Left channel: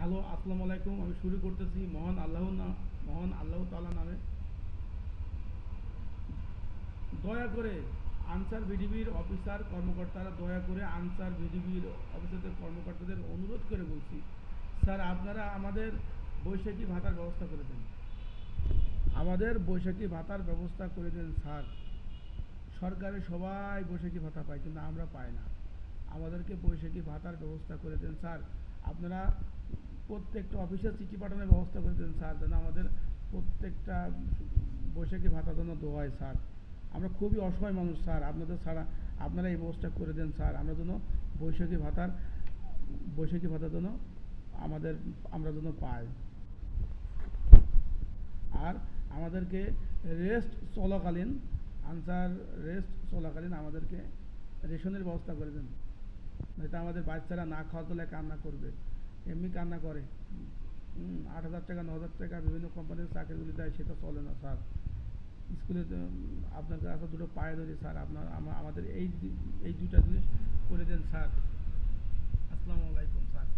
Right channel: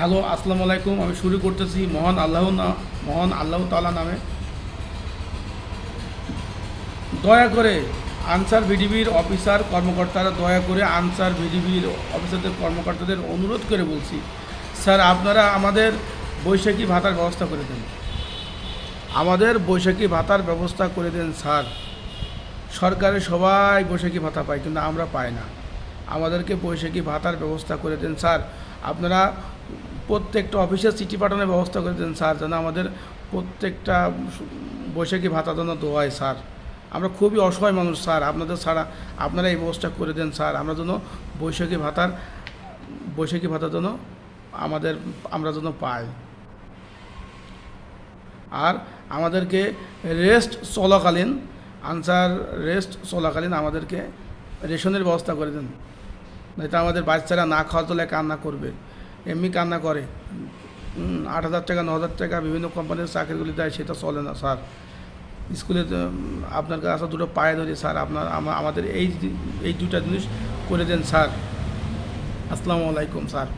Hello, আসসালামু আলাইকুম। আমি শুরু করতেছি মহান আল্লাহ তাআলা নামে। দয়া করে আনসার ভিডিবির অফিসার কর্মকর্তারা দয়া করে আনসার ভিডিবির অফিসারদের কর্মকর্তাদের অনুরোধ করে বলছি, স্যার আপনারা আমাদের বৈশাখী ভাতার ব্যবস্থা করে দেন। আমাদের বৈশাখী ভাতার ব্যবস্থা করে দেন স্যার। সরকারে সবাই বৈশাখী ভাতা পায়, কিন্তু আমরা পাই না। আমাদেরকে বৈশাখী ভাতার ব্যবস্থা করে দেন স্যার। আপনারা প্রত্যেকটা অফিসে চিঠি পাঠানোর ব্যবস্থা করে দেন স্যার, যেন আমাদের প্রত্যেকটা বৈশাখী ভাতা যেন দেওয়ায় স্যার। আমরা খুবই অসহায় মানুষ স্যার, আপনাদের ছাড়া আপনারা এই ব্যবস্থা করে দেন স্যার। আমরা যেন বৈশাখী ভাতা যেন আমরা যেন পাই। আর আমাদেরকে রেস্ট চলাকালীন আনসার রেস্ট চলাকালীন আমাদেরকে রেশনের ব্যবস্থা করে দেন। নয়তো আমাদের বাচ্চারা না খাওয়া তোলে কান্না করবে, এমনি কান্না করে। 8,000 টাকা 9,000 টাকা বিভিন্ন কোম্পানির চাকরিগুলি দেয়, সেটা চলে না স্যার। স্কুলে আপনার কাছে দুটো পায়ে ধরি স্যার, আমাদের এই দুটা জিনিস করে দেন স্যার। আসসালামু আলাইকুম স্যার।